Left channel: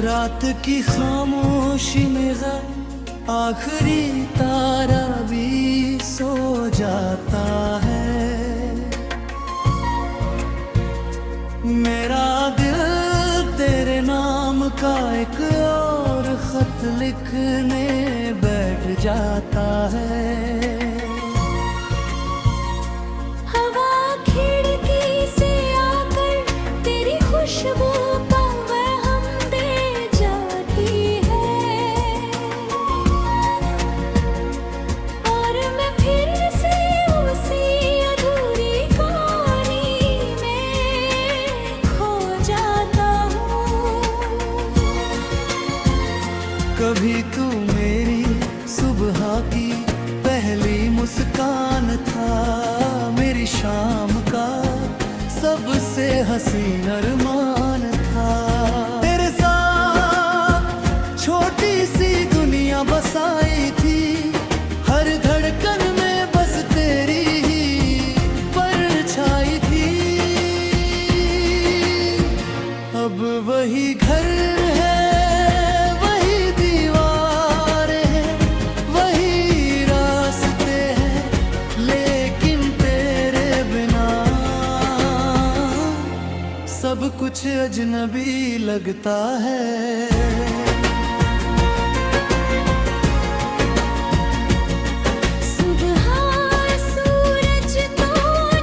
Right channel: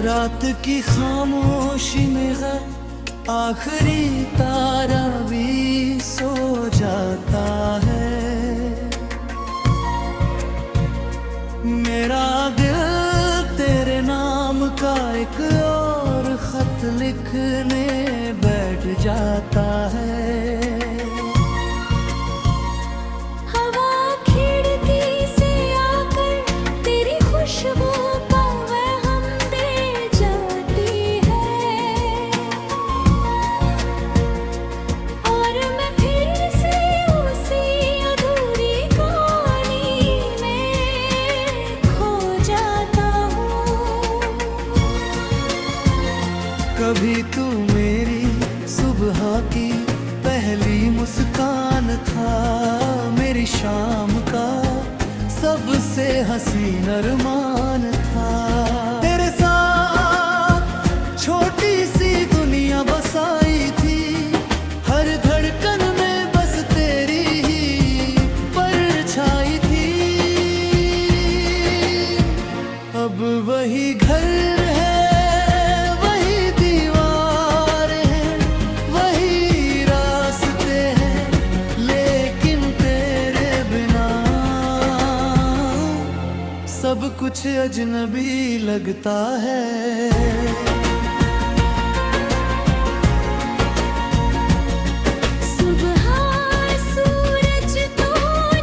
रात की खामोशी में आखिरी तारा भी सो जाता है। मेरा दिल तेरे नाम का एक और खत लिखने बैठ जाता है। हवा खिड़की से आकर तेरी खुशबू का वहम दे जाती है, और मैं फिर से उसी अधूरी कहानी में खो जाता हूँ। कभी तू मेरी सुबह की पहली मुस्कान था, मेरी शाम का सबसे हसीन अरमान था। तेरे साथ छोटी सी दुनिया बसाई थी, हर धड़कन में बस तेरी ही परछाई थी। अब वही घर है, सब कुछ अजनबी लगता है। सुबह सूरज तो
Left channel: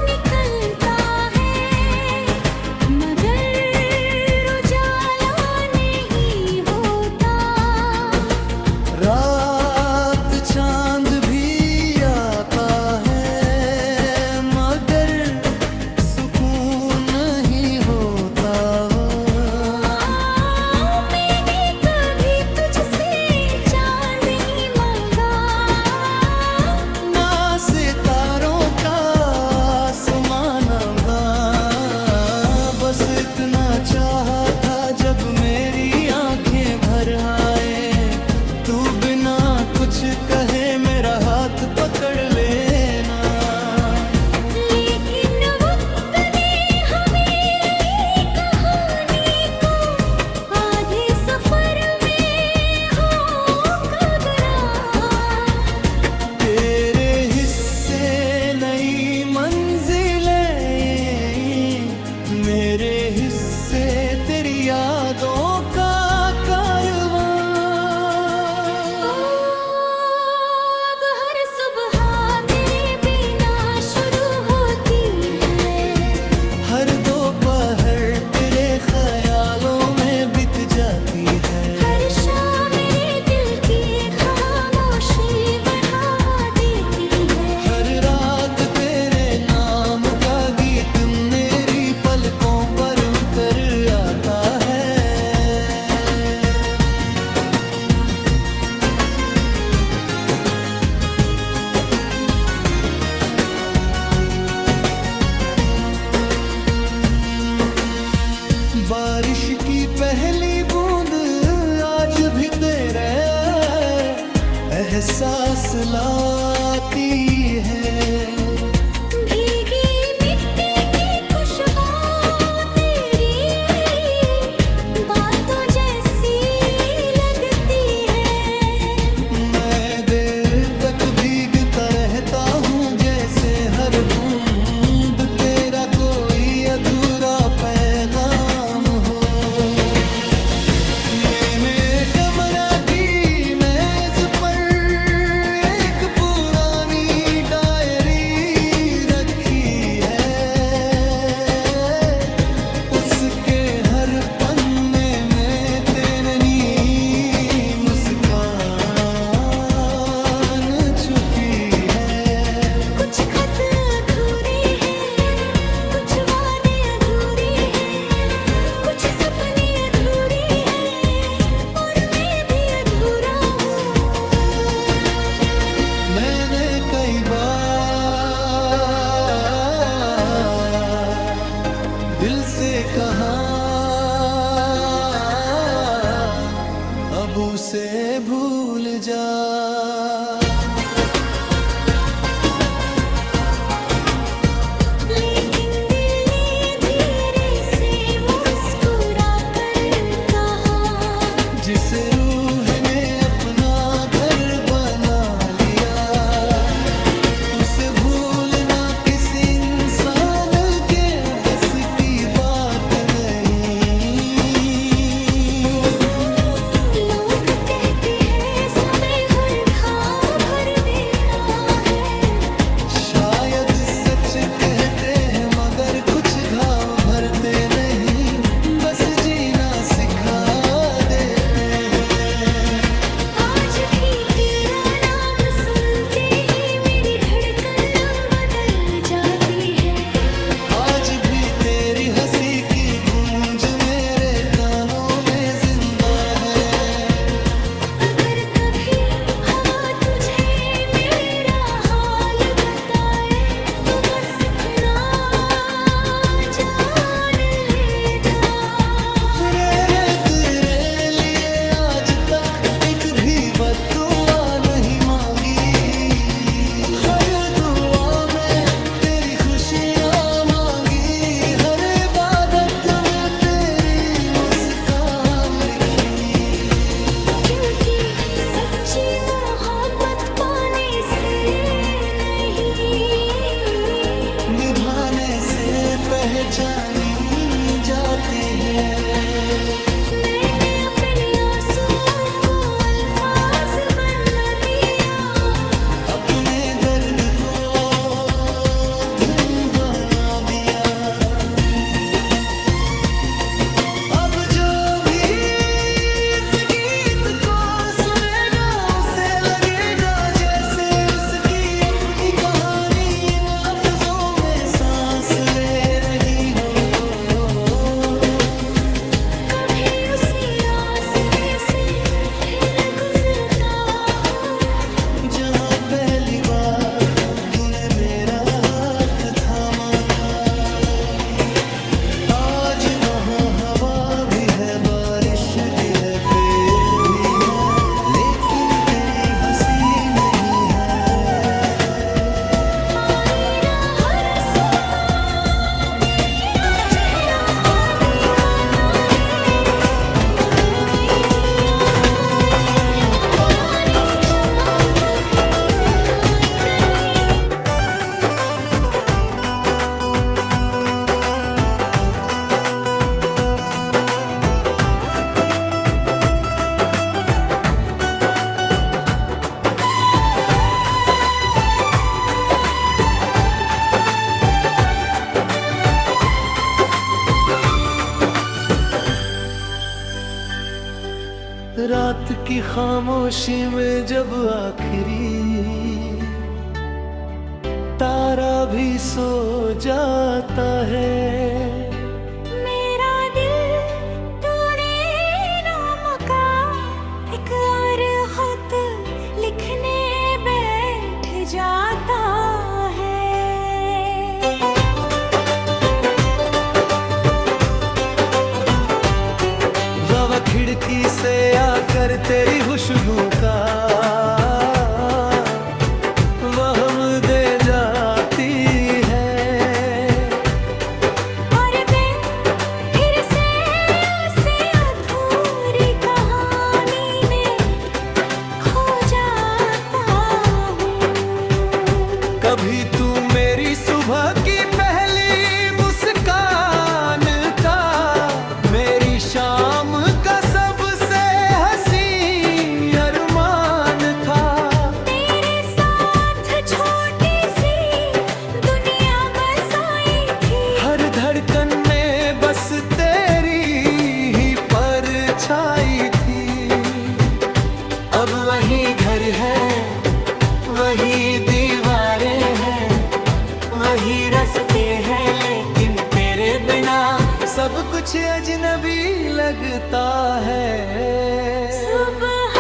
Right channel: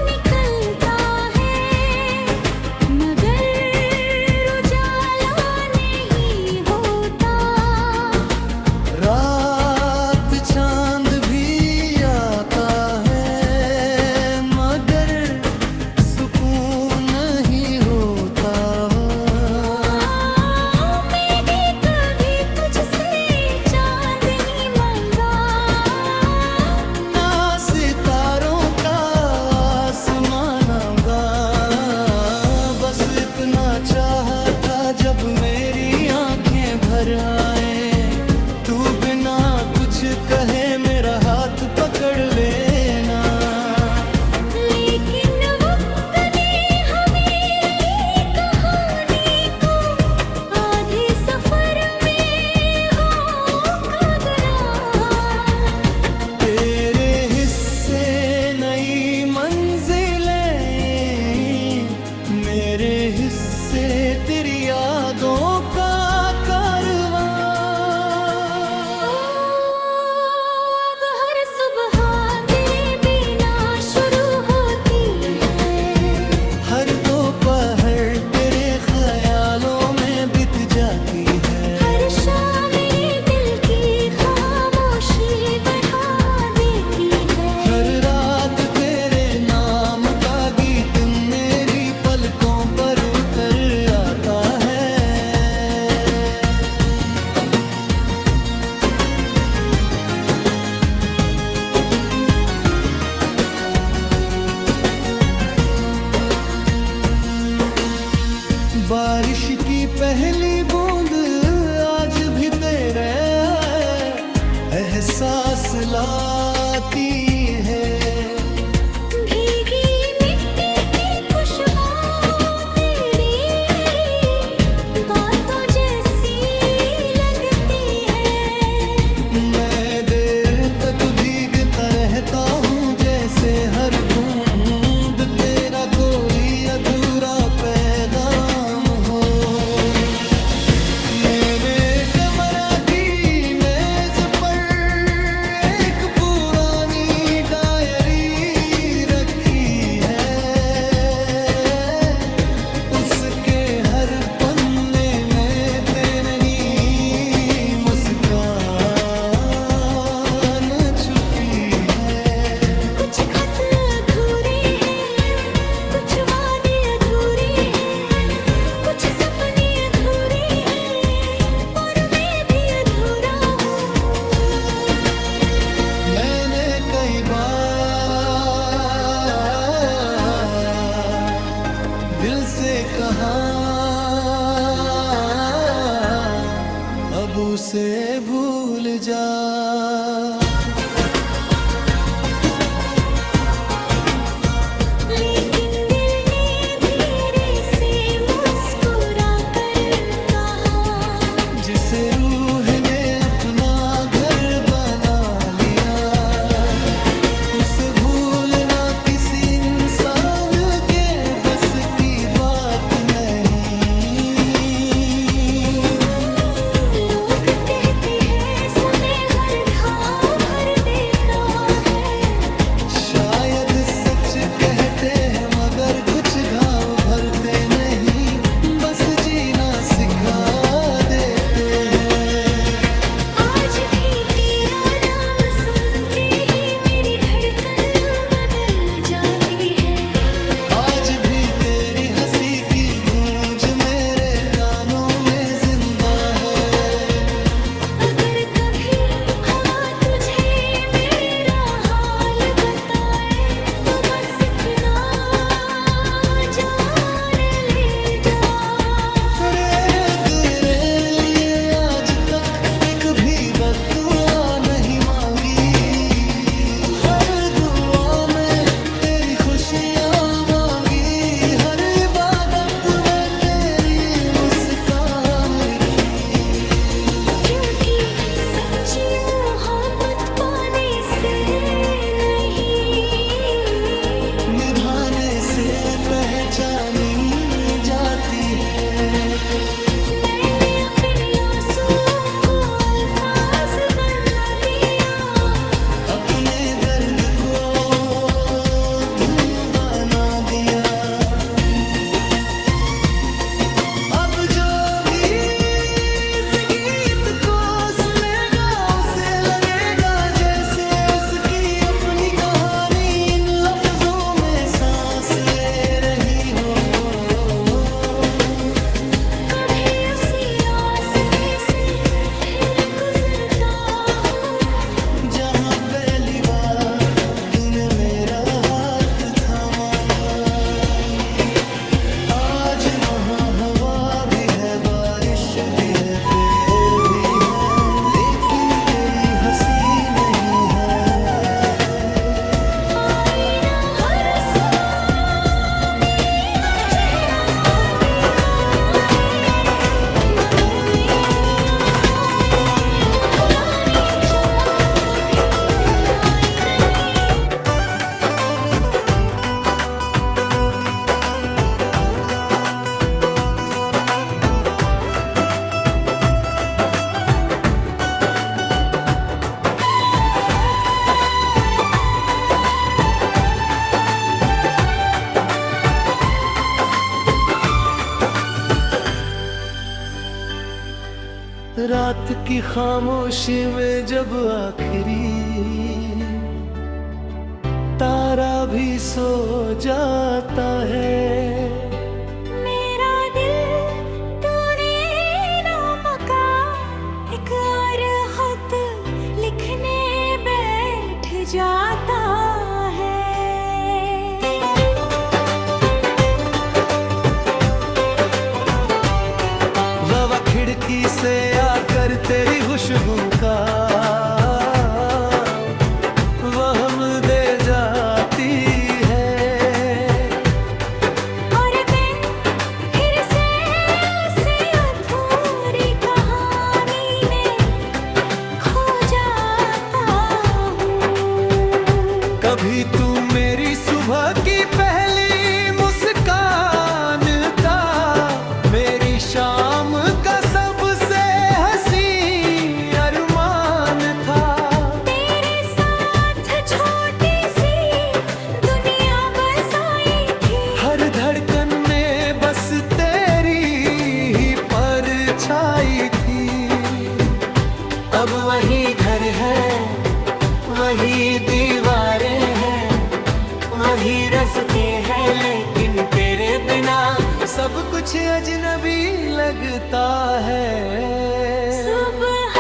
निकलता है, मगर उजाला नहीं होता। रात चांद भी आता है, मगर सुकून नहीं होता। मैंने कभी तुझसे चांद ही मांगा, ना सितारों का आसमान आऊंगा। बस इतना चाहा था जब मेरी आंखें भर आए, तू बिना कुछ कहे मेरा हाथ पकड़ लेना। लेकिन वक्त ने हमें कहानी को आधे सफर में होकर गिरा। तेरे हिस्से नई मंजिलें, मेरे हिस्से तेरी यादों का कारवां। अब हर सुबह तेरे बिना शुरू होती है, हर दोपहर तेरे ख्यालों में बीत जाती है। हर शाम मेरे दिल की खामोशी बढ़ा देती है। हर रात तेरे नाम का गीत मेरी पलकों पर उतर आता है। बारिश की पहली बूंद आज भी तेरे एहसास लाती है। भीगी मिट्टी की खुशबू तेरी बातों जैसी लगती है। मैं देर तक भीगता रहता हूँ, जैसे हर बूंद तेरा कोई अधूरा पैगाम हो। मैंने कमरा की मेज पर एक पुरानी डायरी रखी है, उसके हर पन्ने में तेरी मुस्कान छुपी है। कुछ खत अधूरे हैं, कुछ वादे अधूरे हैं, कुछ सपने अधूरे हैं, और मैं भी अधूरा हूँ। मैंने कई बार दिल से कहा, अब उसे भूल जा। लेकिन दिल ने धीरे से मुस्कुरा कर कहा, से भूलना किसी इंसान के बस की बात नहीं। लोग कहते हैं समय हर घाव भर देता है, शायद सच कहते हैं मगर कुछ घाव भरते नहीं, बस जीना सिखा देते हैं। आज भी तेरा नाम सुनते ही मेरी धड़कन बदल जाती है। आज भी तेरी हंसी की गूंज मेरे कानों में जिंदा है। अगर कभी हवा तुझे मेरा हाल बताए तो बस इतना जान लेगा। तेरे तेरे लिए आज तक एक भी बद्दुआ नहीं मांगी, हर दुआ में तेरी खुशियाँ मांगी, हर इबादत में तेरी मुस्कान लिखी। क्योंकि सच्ची मोहब्बत पाने से नहीं, निभाने से पहचानी जाती है। मैंने अपने आंसुओं को अल्फाज बना दिया, अपने दर्द को धुन बना दिया। अब जो भी इस गीत को सुनेगा उसे लगेगा जैसे उसकी अपनी कहानी इन लफ्जों में सांस ले रही हो। कभी उसी रास्ते से फिर गुजरता हूँ, जहाँ पहली बार तूने मेरा हाथ थामा था। आज वहाँ हवा भी है, बारिश भी है, पेड़ भी है, लेकिन तेरी हंसी नहीं है। आईना हर सुबह मेरा चेहरा दिखाता है, मगर मेरी आँखों में वो पुरानी चमक कभी दिखाई नहीं। रात की खामोशी में जब आखिरी तारा भी सो जाता है, मेरा दिल तूने नाम का एक और खत लिखने बैठ जाता है। हवा खिड़की से आकर तेरी खुशबू का वहम दे जाती है। और मैं फिर से उसी अधूरी कहानी में खो जाता हूँ। कभी तू मेरी सुबह की पहली मुस्कान का, मेरी शाम का सबसे हंसी अरमान था। तेरे साथ छोटी सी दुनिया बसाई थी, हर धड़कन में बस तेरी ही परछाई थी। अब वही घर है, वही दीवारें हैं, वही रास्ते हैं, लेकिन तेरे बिना सब कुछ अजनबी लगता है। सुबह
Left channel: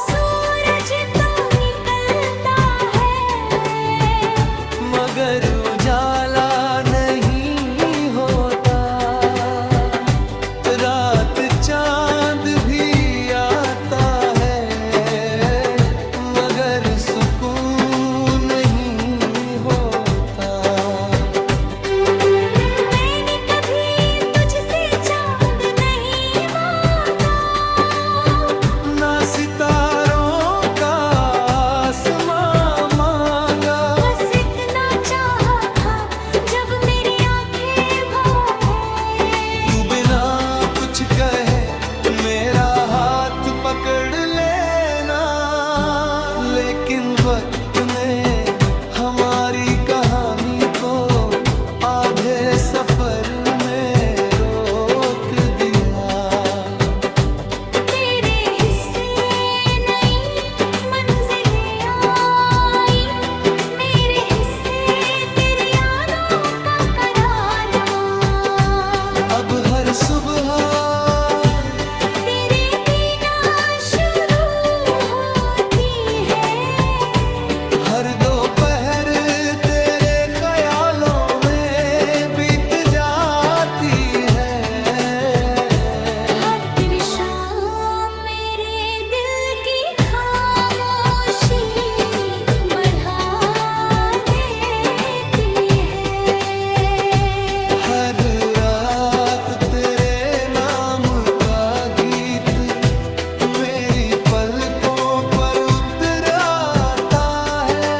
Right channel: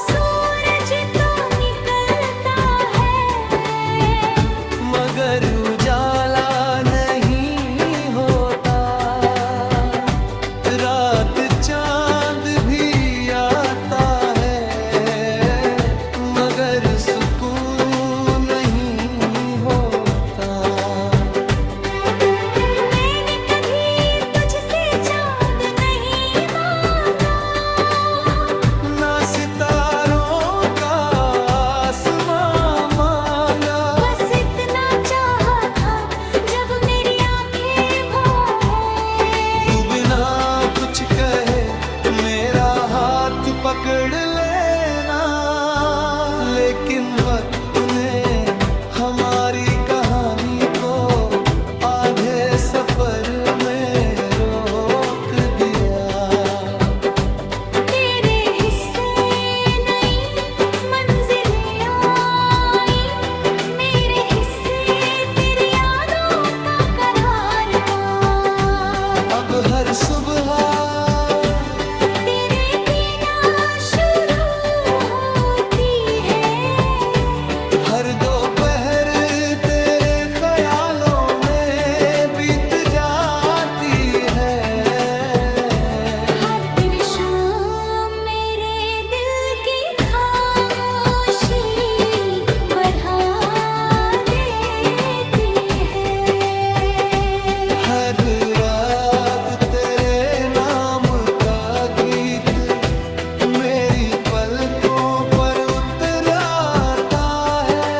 सूरज तो निकलता है, मगर उजाला नहीं होता। रात चांद भी आता है, मगर सुकून नहीं होता। मैंने कभी तुझसे चांद नहीं मांगा, ना सितारों का आसमां मांगा। बस पकड़ लेना। लेकिन वक्त ने हमारी कहानी को आधे सफर में रोक दिया। तेरे हिस्से नई मंजिलें आई, मेरे हिस्से तेरी यादों का करारवा। अब हर सुबह तेरे बिना शुरू होती है, हर दोपहर तेरे ख्यालों में बीत जाती है। हर तेरी शाम मेरे दिल की खामोशी बढ़ा देती है। हर रात तेरे नाम का गीत मेरी पलकों पर उतर आता है।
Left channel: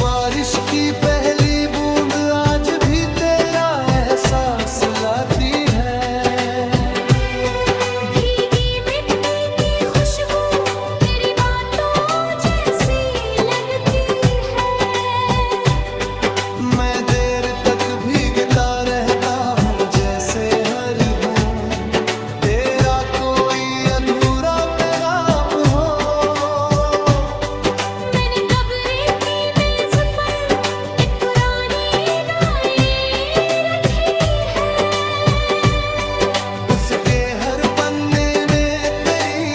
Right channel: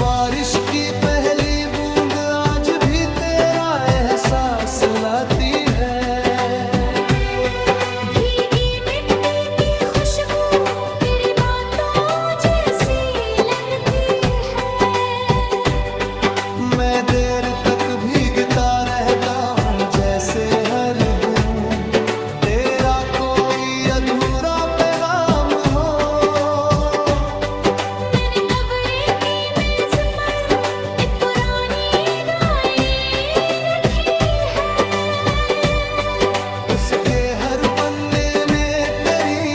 बारिश की पहली बूंद आज भी तेरा एहसास लाती है। भीगी मिट्टी की खुशबू तेरी बातों जैसी लगती है। मैं देर तक भीगता रहता हूँ जैसे हर बूंद तेरा कोई अधूरा पैगाम हो। मैंने कब्र की मेज पर एक पुरानी डायरी रखी है। उसके हर पन्ने में तेरी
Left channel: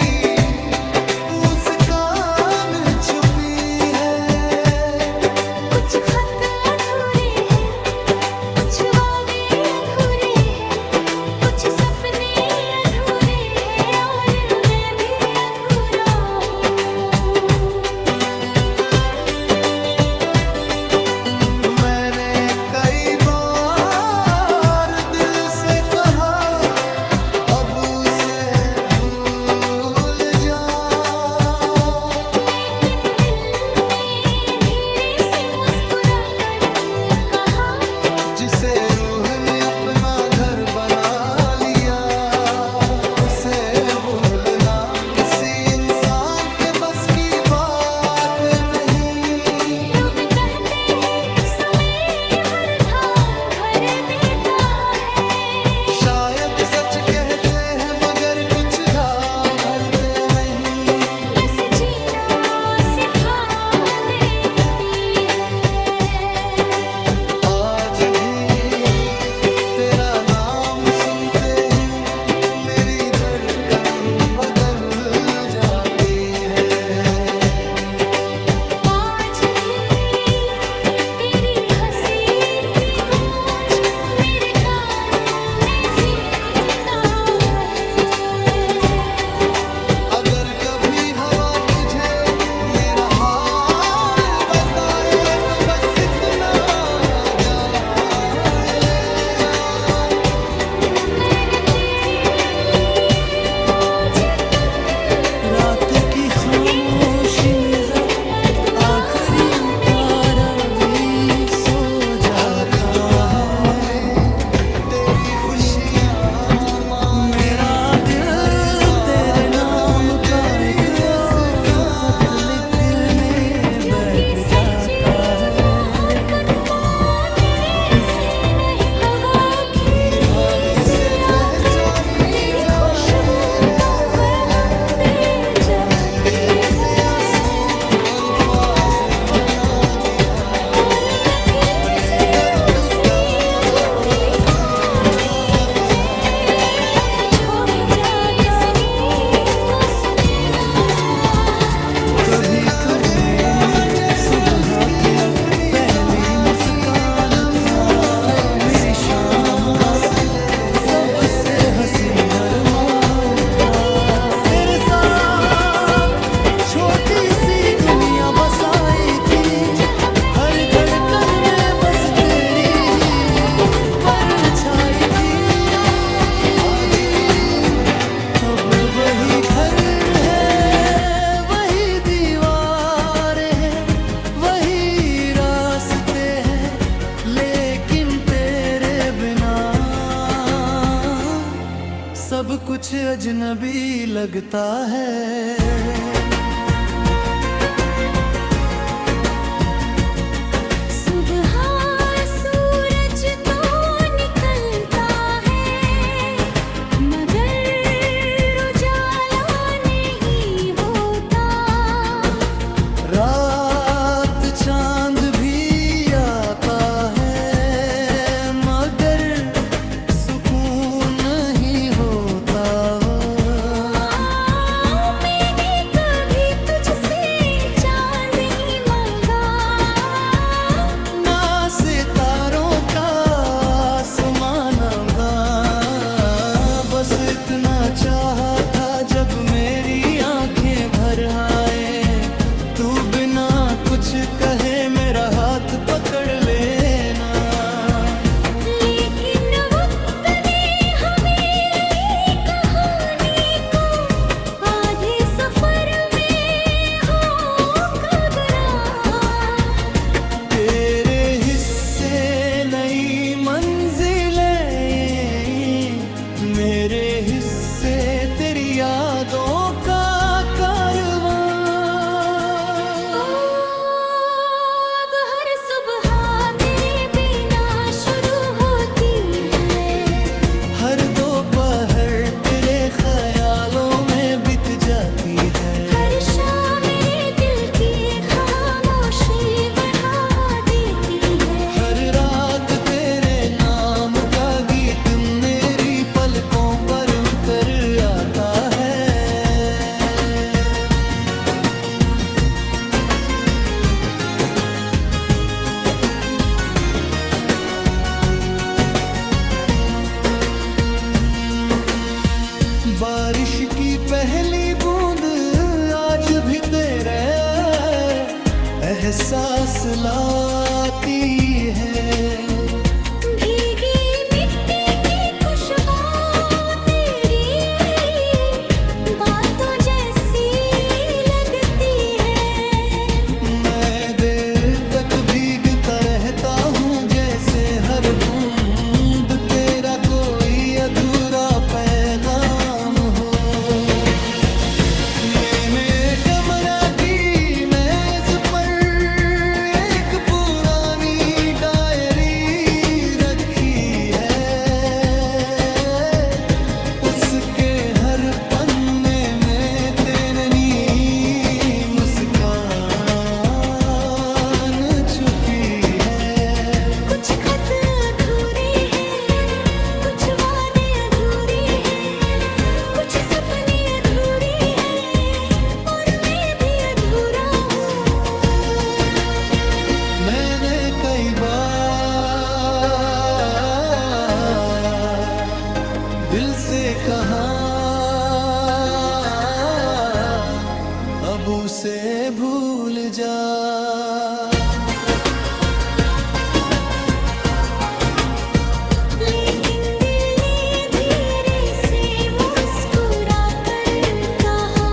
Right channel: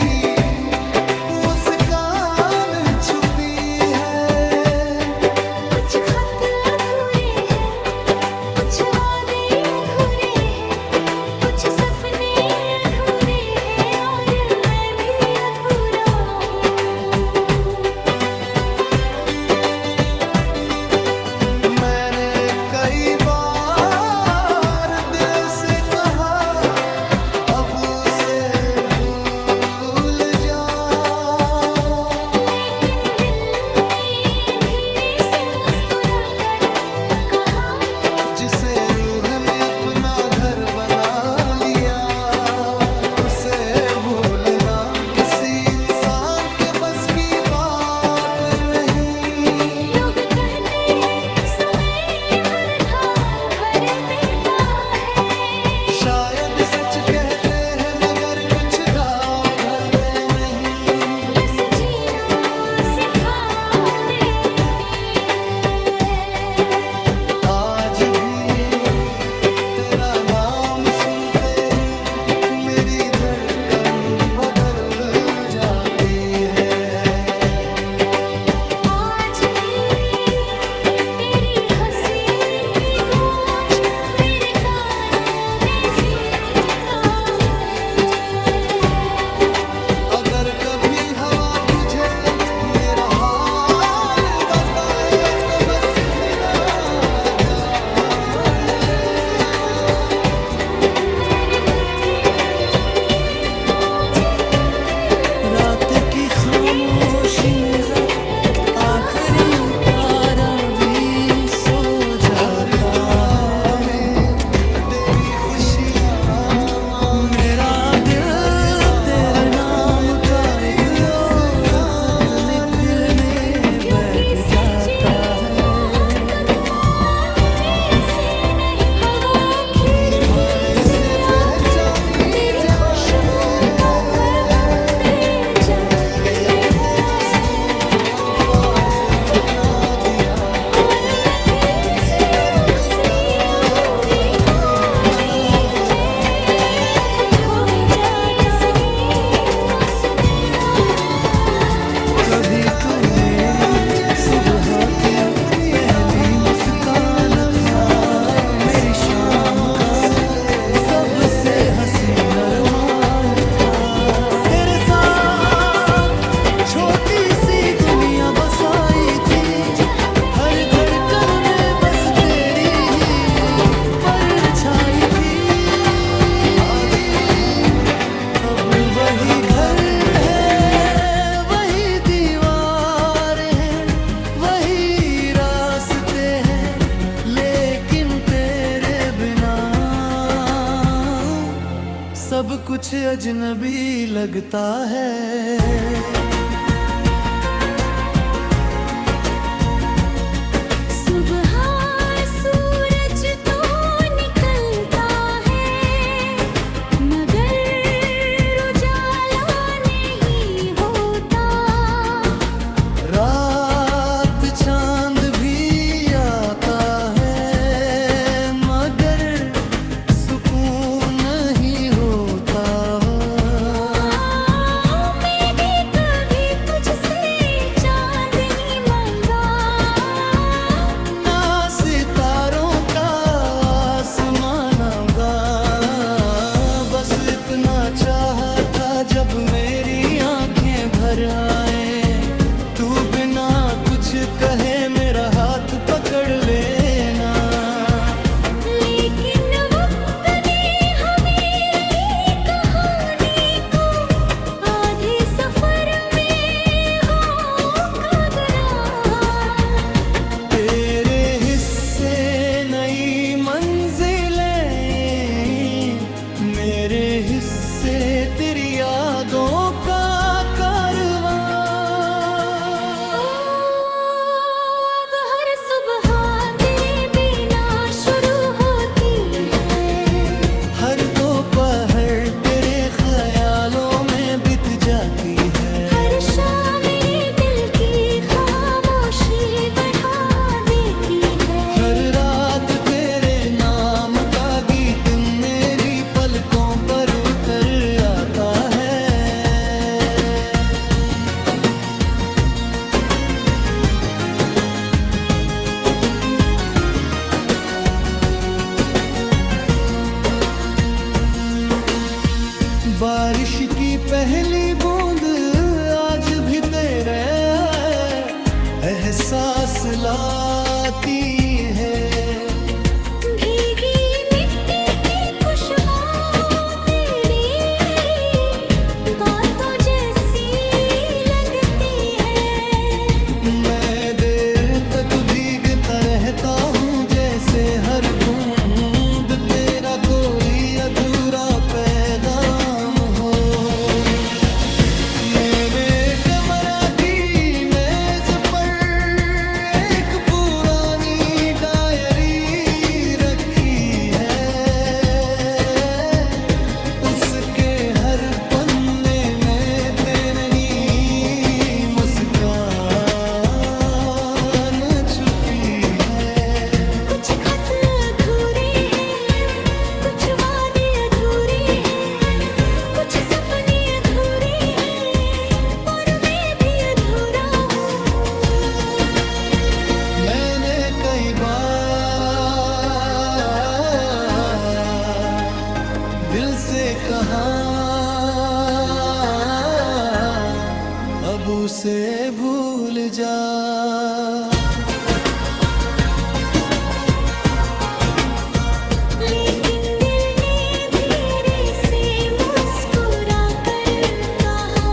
मुस्कान छुपी है। कुछ खत अधूरे हैं, कुछ वादे अधूरे हैं, कुछ सपने अधूरे हैं और मैं भी अधूरा हूँ। मैंने कई बार दिल से कहा अब उसे भूल जा। लेकिन दिल ने धीरे से मुस्कुरा कर कहा, जिसे रूह ने अपना घर बना लिया उसे भूलना किसी इंसान के बस की बात नहीं। लोग कहते हैं समय हर घाव भर देता है। शायद सच कहते हैं मगर कुछ घाव भरते नहीं। बस जीना सिखा देती है। आज भी तेरा नाम सुनते ही मेरी धड़कन बदल जाती है। आज भी तेरी हंसी की गूंज मेरे कानों में जिंदा है। अगर कभी हवा तुझे मेरा हाल बताए तो बस इतना जान लेना। मैंने तेरे लिए आज तक रात की खामोशी में आखिरी तारा भी सो जाता है। तेरी खुशियाँ मेरा दिल तेरे नाम का एक और खत लिखने बैठ जाता है। निभाने से पहचानी जाती है। मैंने अपने आंसुओं को अल्फाज बना दिया। अपने दर्द का बना दिया। कभी तू मेरी सुबह की पहली मुस्कान था, मेरी शाम का सबसे हंसी अरमान था। तेरे साथ छोटी सी दुनिया बसाई थी, हर धड़कन में बस तेरी ही परछाई थी। अब वही घर है, वही दीवार सब कुछ अजनबी लगता है। सुबह सूरज तो निकलता है मगर उजाला नहीं होता। रात चांद भी आता है मगर सुकून नहीं होता। मैंने कभी तुझसे चांद नहीं मांगा, ना सितारों का आसमान आऊंगा। बस इतना चाहा था जब मेरी आंखें भर आए, तू बिना कुछ कहे मेरा हाथ पकड़ लेना। लेकिन वक्त ने हमें कहानी को आधे सफर में होका करार। तेरे हिस्से नई मंजिलें, मेरे हिस्से तेरी यादों का कारवां। अब हर सुबह तेरे बिना शुरू होती है, हर दोपहर तेरे ख्यालों में बीत जाती है। हर शाम मेरे दिल की खामोशी बढ़ा देती है। हर रात तेरे नाम का गीत मेरी पलकों पर उतर आता है। बारिश की पहली बूंद आज भी तेरे एहसास लाती है। भीगी मिट्टी की खुशबू तेरी बातों जैसी लगती है। मैं देर तक भीगता रहता हूँ जैसे हर बूंद तेरा कोई अधूरा पैगाम हो। मैंने कमरा की मेज पर एक पुरानी डायरी रखी है, उसके हर पन्ने में तेरी मुस्कान छुपी है। कुछ खत अधूरे हैं, कुछ वादे अधूरे हैं, कुछ सपने अधूरे हैं और मैं भी अधूरा हूँ। मैंने कई बार दिल से कहा अब उसे भूल जा। लेकिन दिल ने धीरे से मुस्कुरा कर कहा,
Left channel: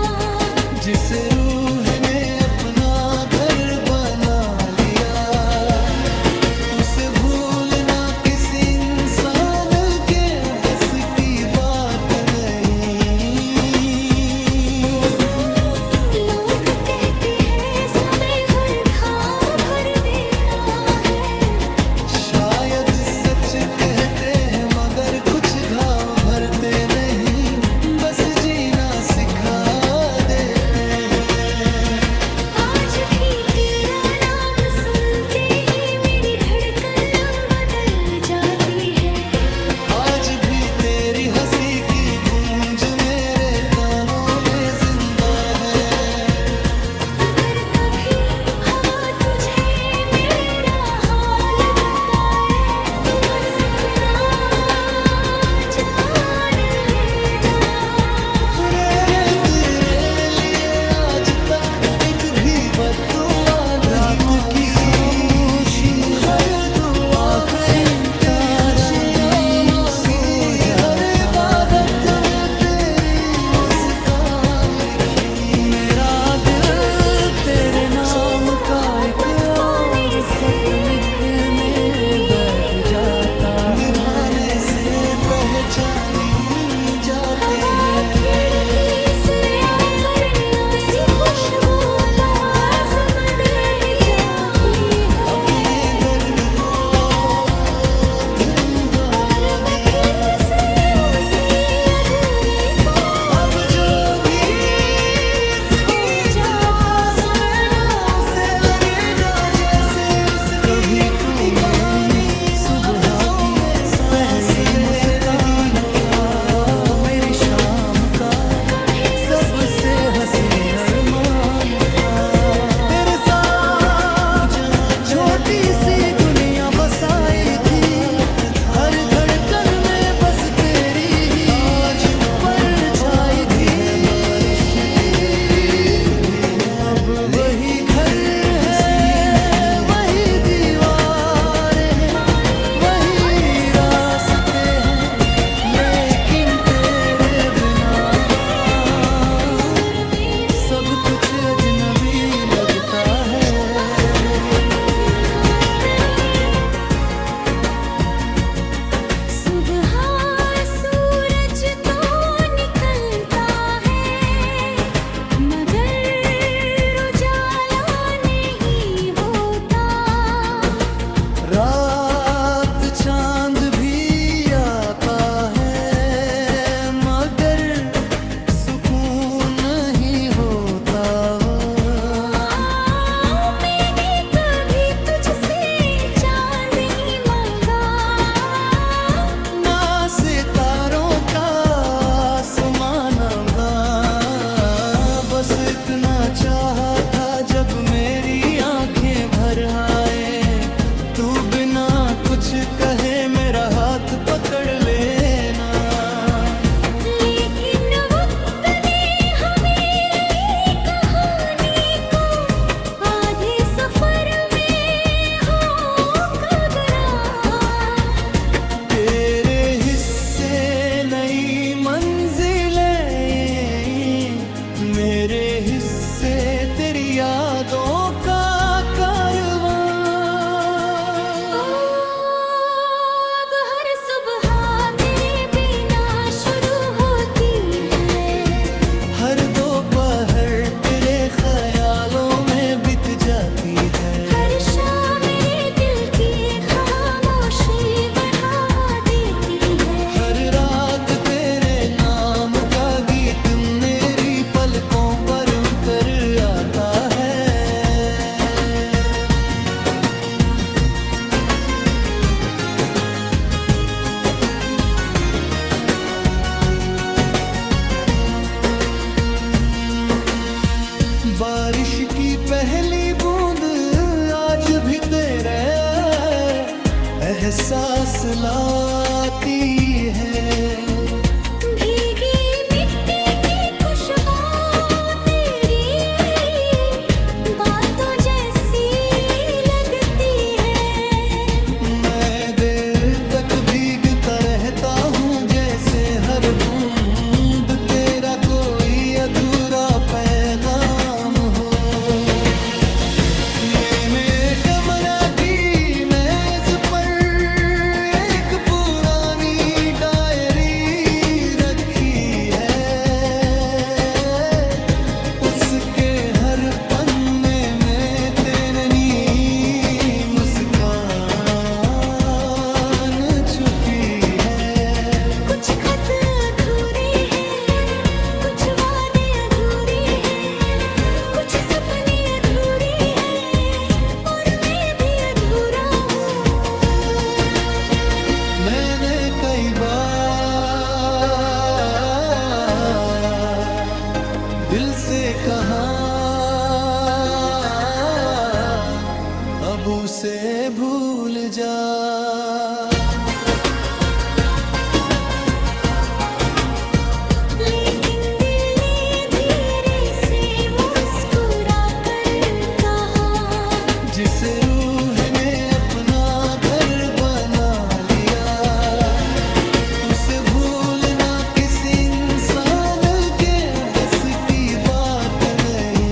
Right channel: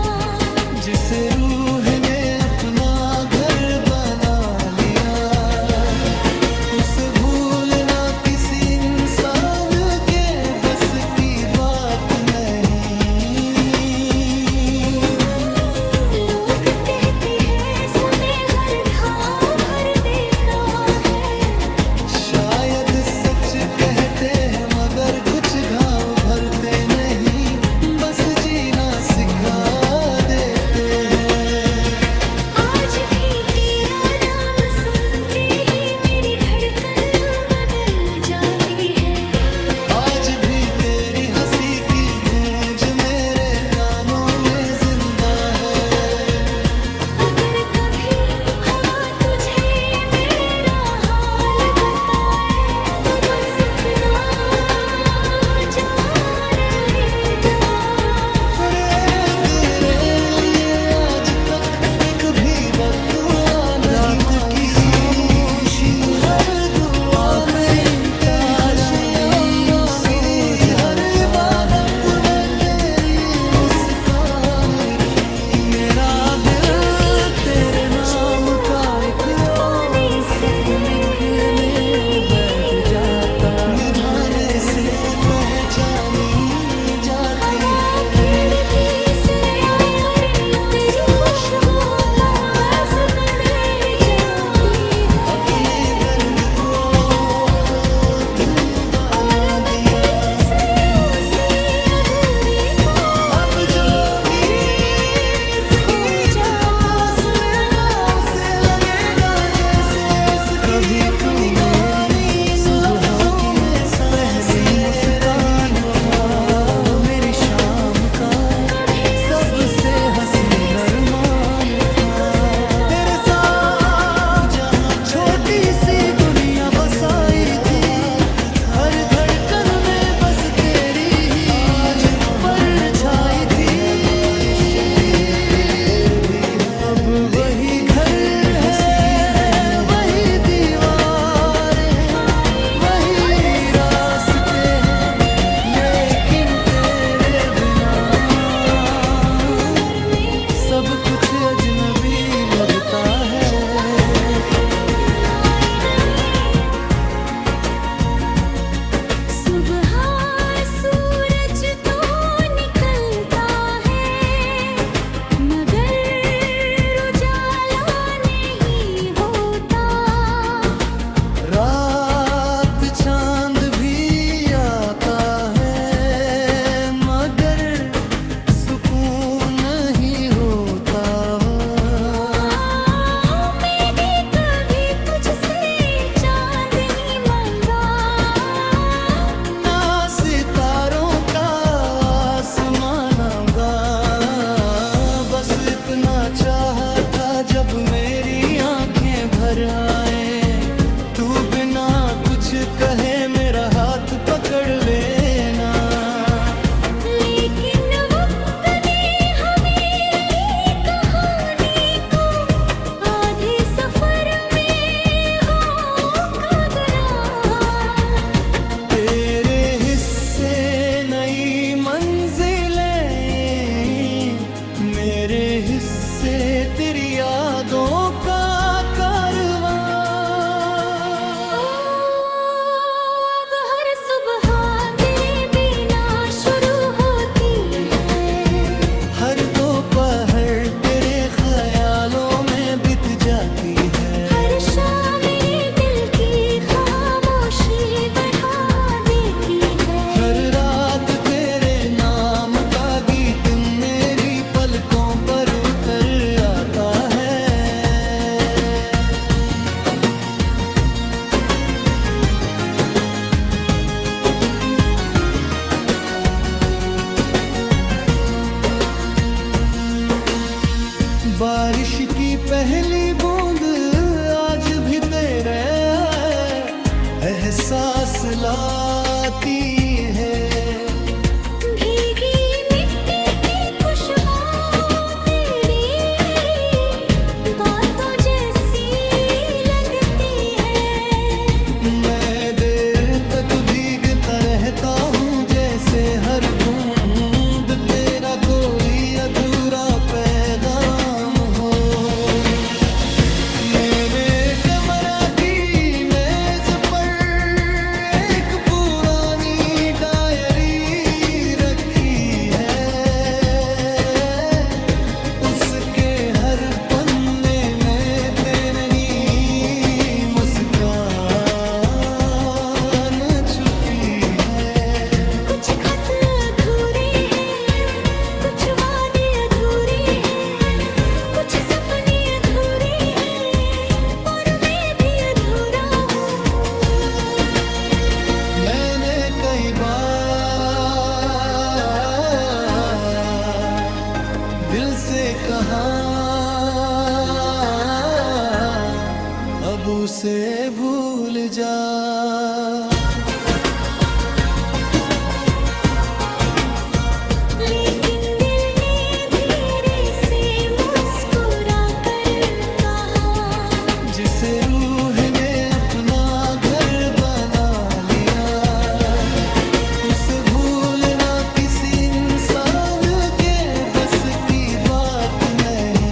जिस रूह ने अपना घर बना लिया, उसे भूलना किसी इंसान के बस की बात नहीं। लोग कहते हैं समय हर घाव भर देता है। शायद सच कहते हैं मगर कुछ घाव भरते नहीं, बस जीना सिखा देते हैं। आज भी तेरा नाम सुनते ही मेरी धड़कन बदल जाती है। आज भी तेरी हंसी की गूंज मेरे कानों में जिंदा है। अगर कभी हवा तुझे मेरा हाल बताए तो बस इतना जान लेना। मैंने तेरे लिए आज तक एक भी बद्दुआ नहीं मांगी। रात की खामोशी में हर दुआ आखिरी तारा भी सो जाता है। तेरी मुस्कान लिखी मेरा दिल तेरे नाम का एक और खत लिखने बैठ जाता है। निभाने से पहचानी जा जाती हवा है। खिड़की से आकर तेरी खुशबू बस बदल जाती है। अपने दर्द को धुन और बना मैं दिया। फिर से उसी अधूरे को अब जो भी हो जाता सुनेगा उसे लगेगा जैसे उसकी कभी तू अपनी कहानी मेरी सुबह की पहली मुस्कान था, मेरी शाम का कभी सबसे हसीन अरमान था। तेरे साथ जहाँ छोटी सी दुनिया बसाई थी, हर धड़कन में बस तेरी ही परछाई थी। बारिश भी है, पेड़ भी है, अब वही घर है, वही दीवारें हैं, वही रास्ते हैं, लेकिन तेरे बिना मगर मेरी सब कुछ अजनबी लगता है। दिखाई नहीं। सुबह सूरज तो निकलता है, मगर उजाला नहीं होता। रात चांद भी आता है, मगर सुकून नहीं होता। मैंने कभी तुझसे चांद नहीं मांगा, ना सितारों का आसमानगा, बस इतना चाहा था जब मेरी आंखें भर आए, तू बिना कुछ कहे मेरा हाथ पकड़ लेना। लेकिन वक्त ने हमें कहानी को आधे सफर में होका गरा। तेरे हिस्से नई मंजिलें, मेरे हिस्से तेरी यादों का कारवां। अब हर सुबह तेरे बिना शुरू होती है, हर दोपहर तेरे ख्यालों में बीत जाती है। हर शाम मेरे दिल की खामोशी बढ़ा देती है। हर रात तेरे नाम का गीत मेरी पलकों पर उतर आता है। बारिश की पहली बूंद आज भी तेरे एहसास लाती है। भीगी मिट्टी की खुशबू तेरी बातों जैसी लगती है। मैं देर तक भीगता रहता हूँ जैसे हर बूंद तेरा कोई अधूरा पैगाम हो। मैंने कमरा की मेज पर एक पुरानी डायरी रखी है, उसके हर पन्ने में तेरी मुस्कान छुपी है। कुछ खत अधूरे हैं, कुछ वादे अधूरे हैं, कुछ सपने अधूरे हैं, और मैं भी अधूरा हूँ। मैंने कई बार दिल से कहा अब उसे भूल जा। लेकिन दिल ने धीरे से मुस्कुरा कर कहा, जिस रूह ने अपना घर बना लिया, उसे भूलना किसी इंसान के बस की बात नहीं।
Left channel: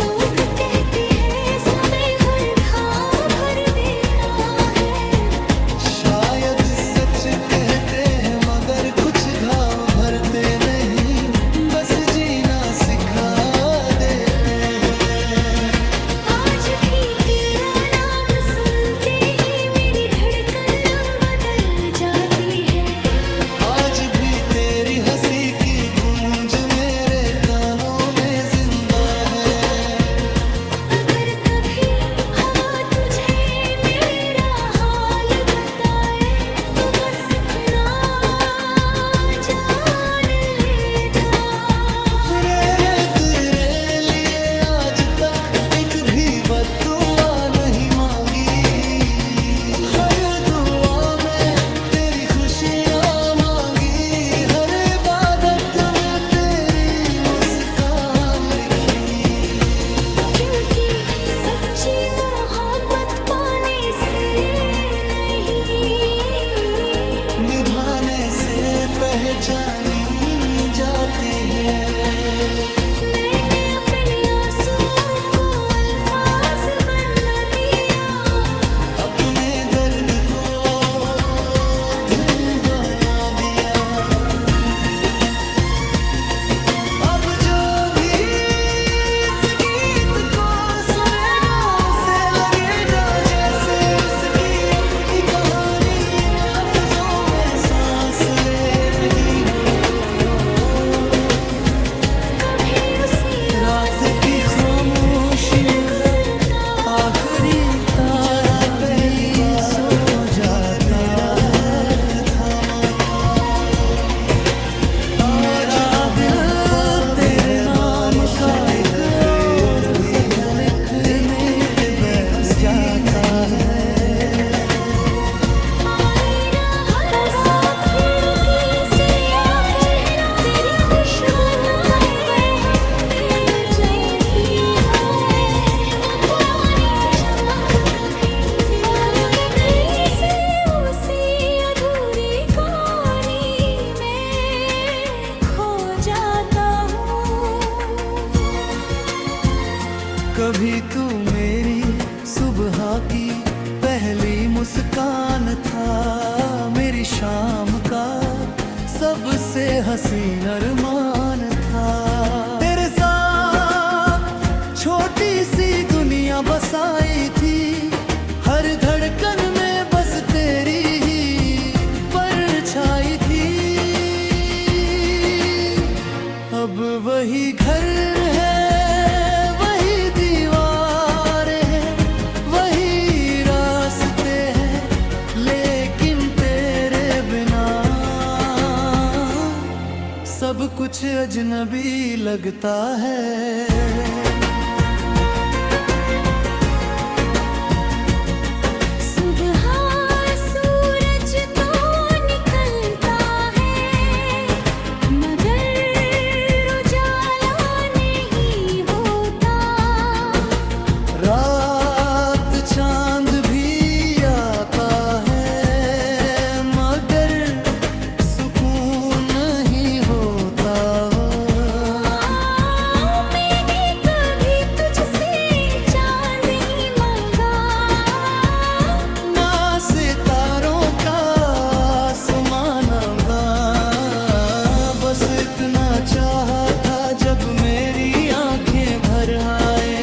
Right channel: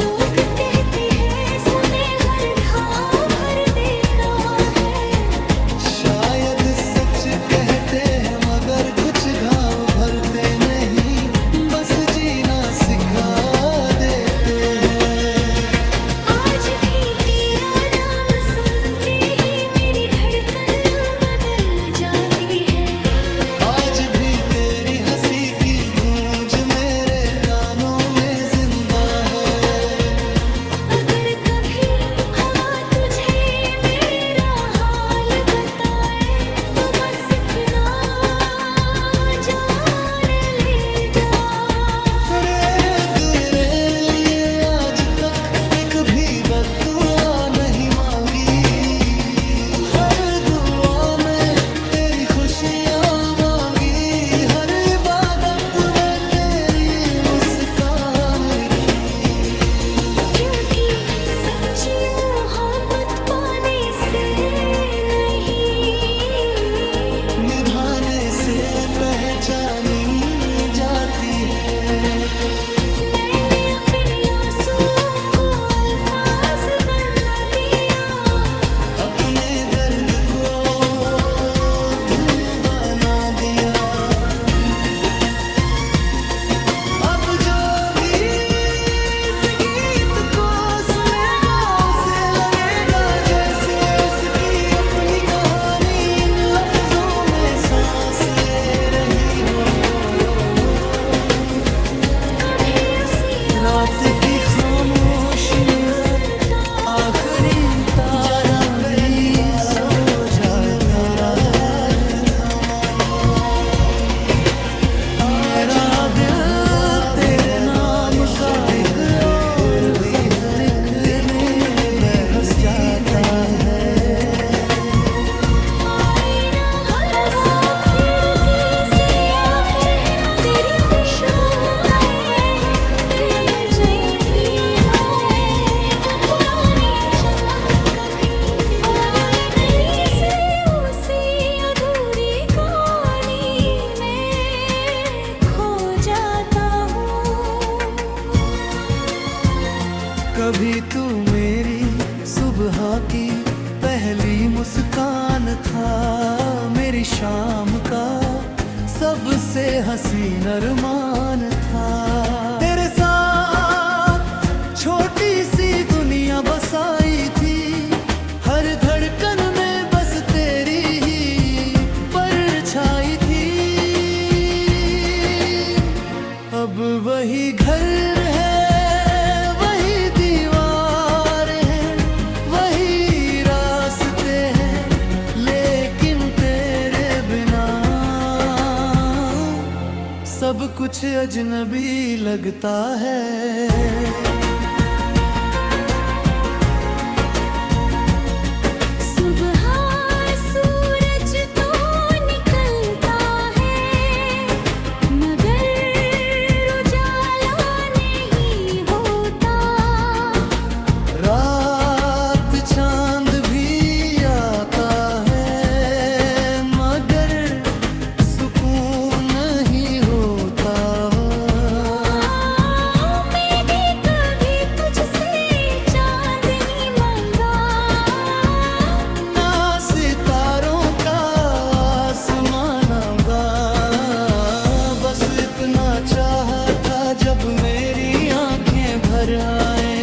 लोग कहते हैं समय हर घाव भर देता है, शायद सच कह मगर कुछ घाव भरते नहीं, बस जीना सिखा देते हैं। आज भी तेरा नाम सुनते ही मेरी धड़कन बदल जाती है। आज भी तेरी हंसी की गूंज मेरे कानों में जिंदा है। अगर कभी हवा तुझे मेरा हाल बताए तो बस इतना जान ले जा। तेरे लिए आज तक एक भी बद्दुआ नहीं मांगी, हर दुआ में तेरी खुशियाँ मांगी, हर इबादत में तेरी मुस्कान लिखी। क्योंकि सच्ची मोहब्बत पाने से नहीं, निभाने से पहचानी जाती है। मैंने अपने आंसुओं को अल्फाज बना दिया, अपने दर्द को धुन बना दिया। अब जो भी इस गीत को सुनेगा उसे लगेगा जैसे उसकी अपनी कहानी इन लफ्जों में सांस ले रही हो। कभी उसी रात की खामोशी में गुजरता आखिरी तारा भी सो जाता है। मेरा दिल तेरे नाम का एक और खत लिखने बैठ जाता है। आईना हवा खिड़की से आकर तेरी खुशबू का हम देख जाती है। वो पुरानी चमक कभी दिखाई नहीं से उसी अधूरी कहानी में खो जाता हूँ। कभी तू मेरी सुबह की पहली मुस्कान था, मेरी शाम का सबसे हसीन अरमान था। तेरे साथ छोटी सी दुनिया बसाई थी, हर धड़कन में बस तेरी ही परछाई थी। अब वही घर है, वही दीवारें हैं, वही रास्ते हैं, लेकिन तेरे बिना सब कुछ अजनबी लगता है। सुबह सूरज तो निकलता है मगर उजाला नहीं होता। रात चांद भी आता है मगर सुकून नहीं होता। मैंने कभी तुझसे चांद नहीं मांगा, ना सितारों का आसमान आऊंगा, बस इतना चाहा था जब मेरी आंखें भर आए,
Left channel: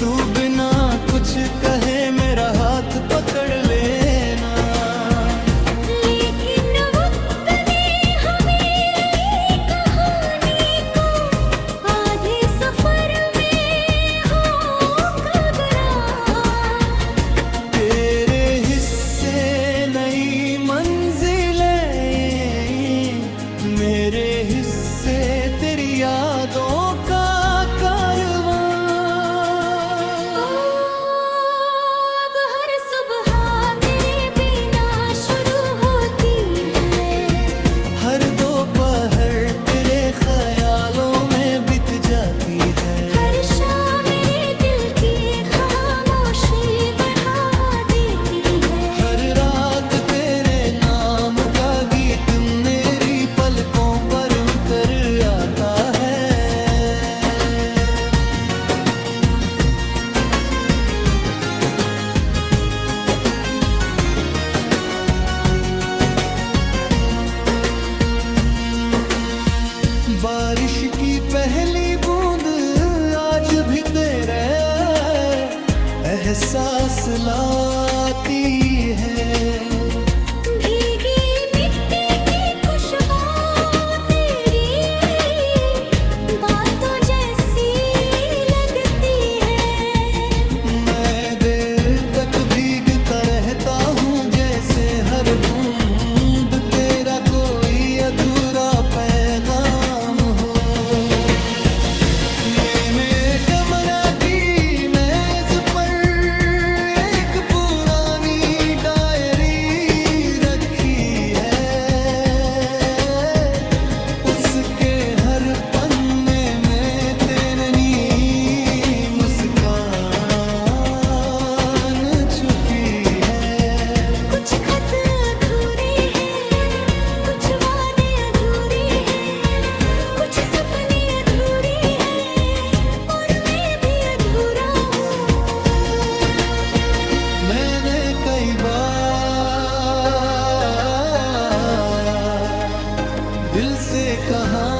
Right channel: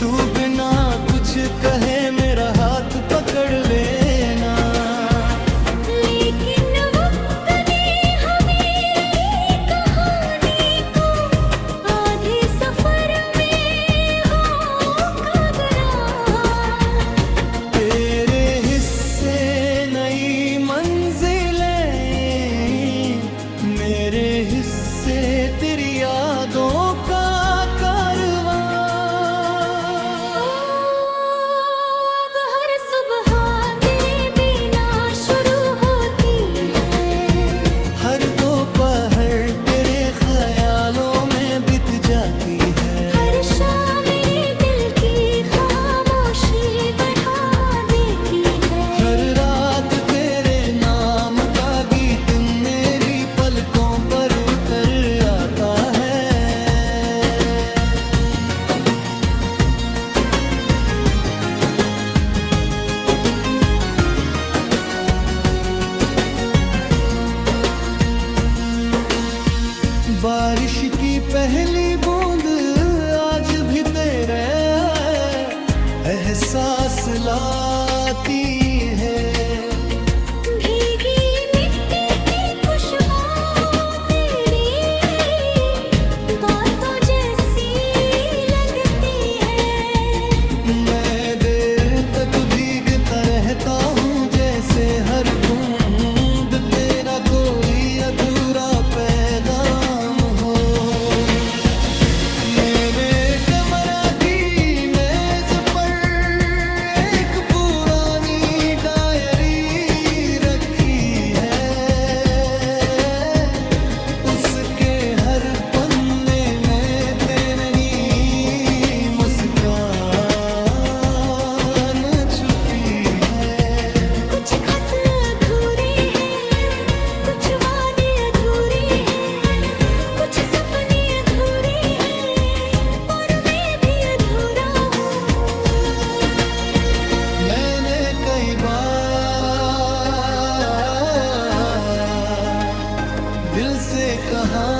तू बिना कुछ कहे मेरा हाथ पकड़ लेना। लेकिन वक्त ने हमें कहानी को आधे सफर में होकर गरा। तेरे हिस्से नई मंजिलें, मेरे हिस्से तेरी यादों का कारवां। अब हर सुबह तेरे बिना शुरू होती है, हर दोपहर तेरे ख्यालों में बीत जाती है। हर शाम मेरे दिल की खामोशी बढ़ा देती है। हर रात तेरे नाम का गीत मेरी पलकों पर उतर आता है। बारिश की पहली बूंद आज भी तेरे एहसास लाती है। भीगी मिट्टी की खुशबू तेरी बातों जैसी लगती है। मैं देर तक भीगता रहता हूँ जैसे हर बूंद तेरा कोई अधूरा पैगाम हो। मैंने कमरा की मेज पर एक पुरानी डायरी रखी है। उसके हर पन्ने में तेरी मुस्कान छुपी है। कुछ खत अधूरे हैं, कुछ वादे अधूरे हैं, कुछ सपने अधूरे हैं और मैं भी अधूरा हूँ। मैंने कई बार दिल से कहा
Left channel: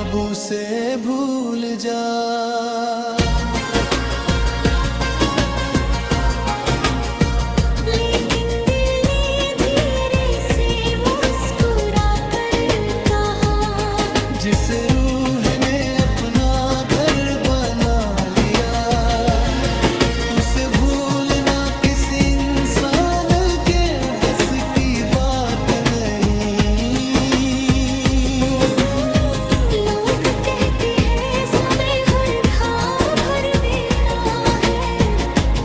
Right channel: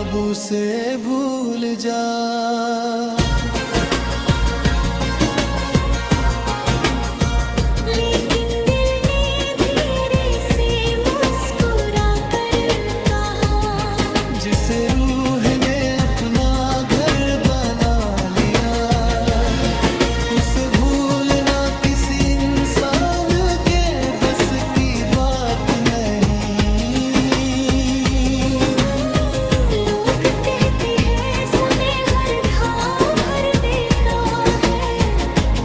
अब उसे भूल जा। लेकिन दिल ने धीरे से मुस्कुरा कर कहा, जिस रूह ने अपना घर बना लिया उसे भूलना किसी इंसान के बस की बात नहीं। लोग कहते हैं समय हर घाव भर देता है।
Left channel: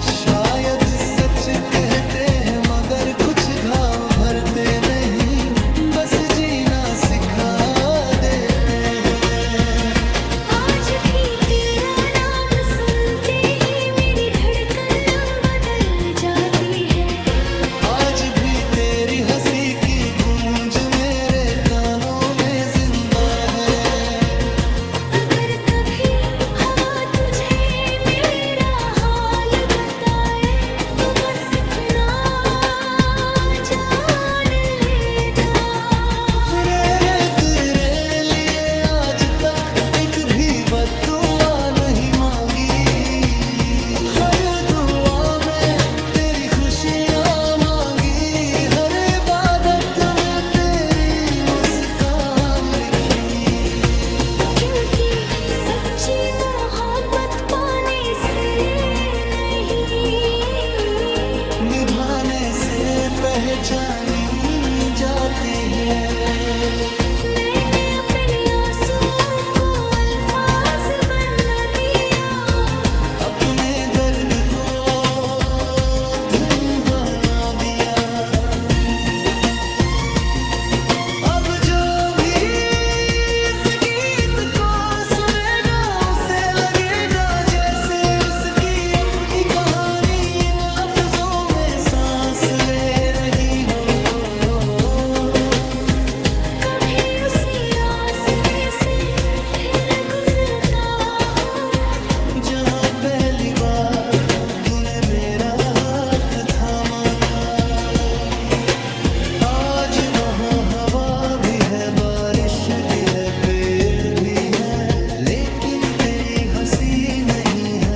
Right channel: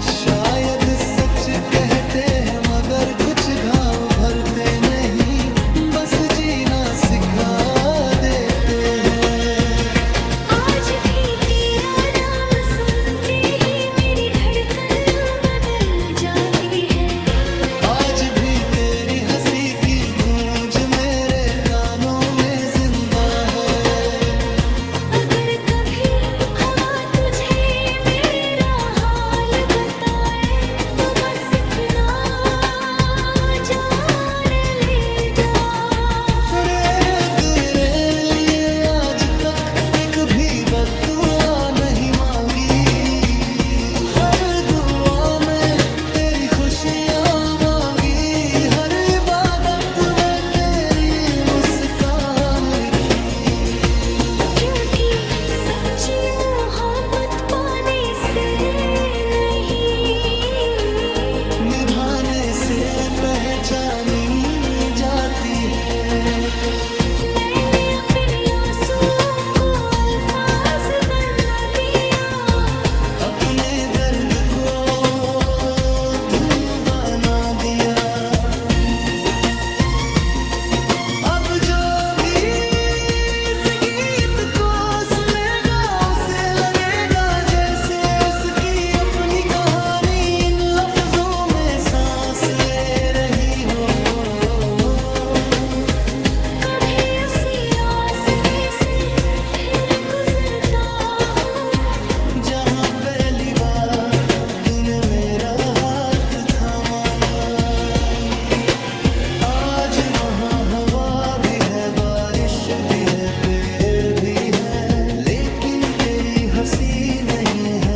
शायद सच कहते हैं मगर कुछ घाव भरते नहीं, बस जीना सिखा देते हैं। आज भी तेरा नाम सुनते ही मेरी धड़कन बदल जाती है। आज भी तेरी हंसी की गूंज मेरे कानों में जिंदा है। अगर कभी हवा तुझे मेरा हाल बताए तो बस इतना जान लेगा। तेरे लिए आज तक एक भी बद्दुआ नहीं मांगी। हर दुआ में तेरी खुशियाँ मांगी, हर इबादत में तेरी मुस्कान लिखी। क्योंकि सच्ची मोहब्बत पाने से नहीं, निभाने से पहचानी जाती है। मैंने अपने आंसुओं को अल्फाज बना दिया, अपने दर्द को धुन बना दिया। अब जो भी इस गीत को सुनेगा उसे लगेगा जैसे उसकी अपनी कहानी इन लफ्जों में सांस ले रही हो। कभी उसी रास्ते से फिर गुजरता हूँ जहाँ पहली बार तूने मेरा हाथ थामा था। आज वहाँ हवा भी है, बारिश भी है, पेड़ भी है, लेकिन तेरी हंसी नहीं है।